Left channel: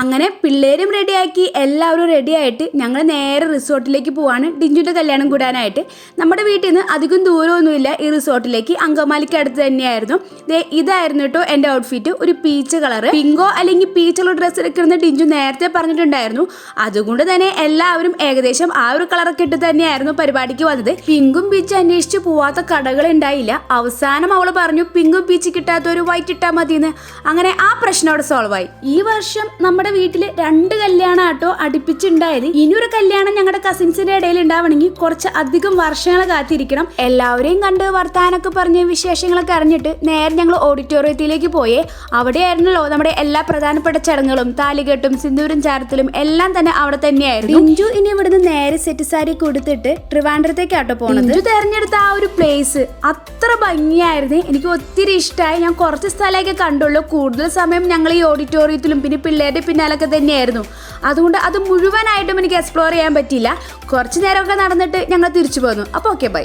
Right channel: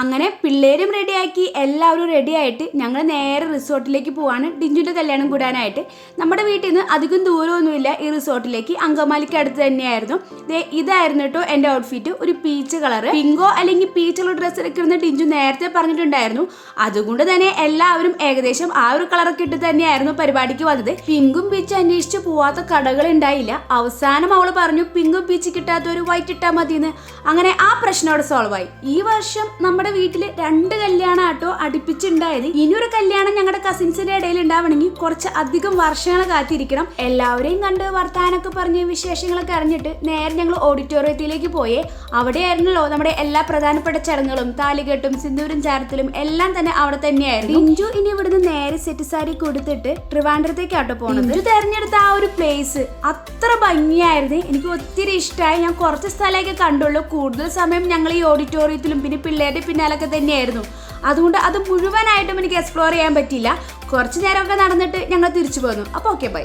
അങ്ങനെ പിള്ളേരും റെഡിയാക്കി എല്ലാവരും റെഡിയായിട്ട് ഞങ്ങൾ നേരെ റിസോർട്ടിലേക്ക് പോവാണ് ഡിഞ്ചുവിൻ്റെ കല്യാണം കൂടാനായിട്ട്. നമ്മുടെ വീട്ടിൽ നിന്ന് അധികം ദൂരമൊന്നുമില്ല ഈ റിസോർട്ടിലേക്ക്, അങ്കമാലിക്ക് അടുത്ത് തന്നെയായിരുന്നു. ഇതായിരുന്നു കേട്ടോ എൻ്റെ ഔട്ട്ഫിറ്റ്, ഒരു പീച്ച് കളർ, പിങ്കോ അല്ലെങ്കിൽ പീച്ചുള്ള ഡ്രസ്സ് എടുക്കുന്ന ഡിഞ്ചു നേരത്തെ പറഞ്ഞിട്ടുണ്ടായിരുന്നു. അതുകൊണ്ട് തന്നെ എല്ലാവരും ഏകദേശം ആ ഒരു കളറൊക്കെ ഇട്ട് തന്നെയായിരുന്നു പരിപാടിക്ക് വന്നത്. പിങ്കും പീച്ച് അന്വേഷിച്ച് പോവാത്ത കടകൾ ഉണ്ടായില്ല. അവസാനം അവൾ പറഞ്ഞു പിങ്കും പീച്ച് കിട്ടാത്ത ഒരു വൈറ്റ് ഇട്ടാൽ മതിയെന്ന്. അങ്ങനെ ആ പ്രശ്നം അവിടെ സോൾവ് ആയി. ഈ വർഷം നമ്മുടെ വീട്ടില് 2 കല്യാണം ആട്ടോ അടുപ്പിച്ചുണ്ടായത്. ഇനിയൊരു കല്യാണം ഞങ്ങളുടെ കസിൻസിന്റെ ഇടയിൽ ഉണ്ടാവണമെങ്കിൽ കുറച്ച് അധികം വർഷങ്ങൾ കാത്തിരിക്കണം. എല്ലാവരെയും കണ്ട് വർത്താനൊക്കെ പറഞ്ഞ് വിശേഷങ്ങളൊക്കെ അറിഞ്ഞിട്ട് നേരെ ഞങ്ങൾ ഓഡിറ്റോറിയത്തിലേക്ക് പോയേ. അവിടെയായിരുന്നല്ലോ നമ്മുടെ എല്ലാ പ്രധാനപ്പെട്ട ചടങ്ങുകളും, താലികെട്ടും സിന്ദൂരം ചാരത്തിലും എല്ലാം തന്നെ അവിടെ തന്നെയായിരുന്നു. ഇഞ്ചു ഇനി ഇവിടുന്ന് നേരെ സെറ്റ് സാരി കൊടുത്തിട്ട് ട്രിവാൻഡ്രത്തേക്കാട്ടോ പോണത്. ഇഞ്ചു തെരഞ്ഞെടുത്ത ആ ഒരു പ്ലേസ് അത്ര ഭംഗിയായിരുന്നു, എനിക്ക് ഒത്തിരി ഇഷ്ടമായി. ഞാൻ കുറച്ച് സ്ഥലമൊക്കെ കണ്ടുള്ളൂ, കൂടുതൽ സമയം ഞങ്ങൾ ഈ ഓഡിറ്റോറിയത്തിലും പിന്നെ പിള്ളേരുടെ പിന്നാലൊക്കെ തന്നെയായിരുന്നു. അതുകൊണ്ട് അത് മുഴുവനായിട്ടും എനിക്ക് എക്സ്പ്ലോർ ചെയ്യാൻ പറ്റിയില്ല. കുറച്ച് നേരമൊക്കെ നടന്നിട്ട് ഞങ്ങൾ തിരിച്ചു പോന്നു. അപ്പോൾ ഓക്കെ, ബൈ.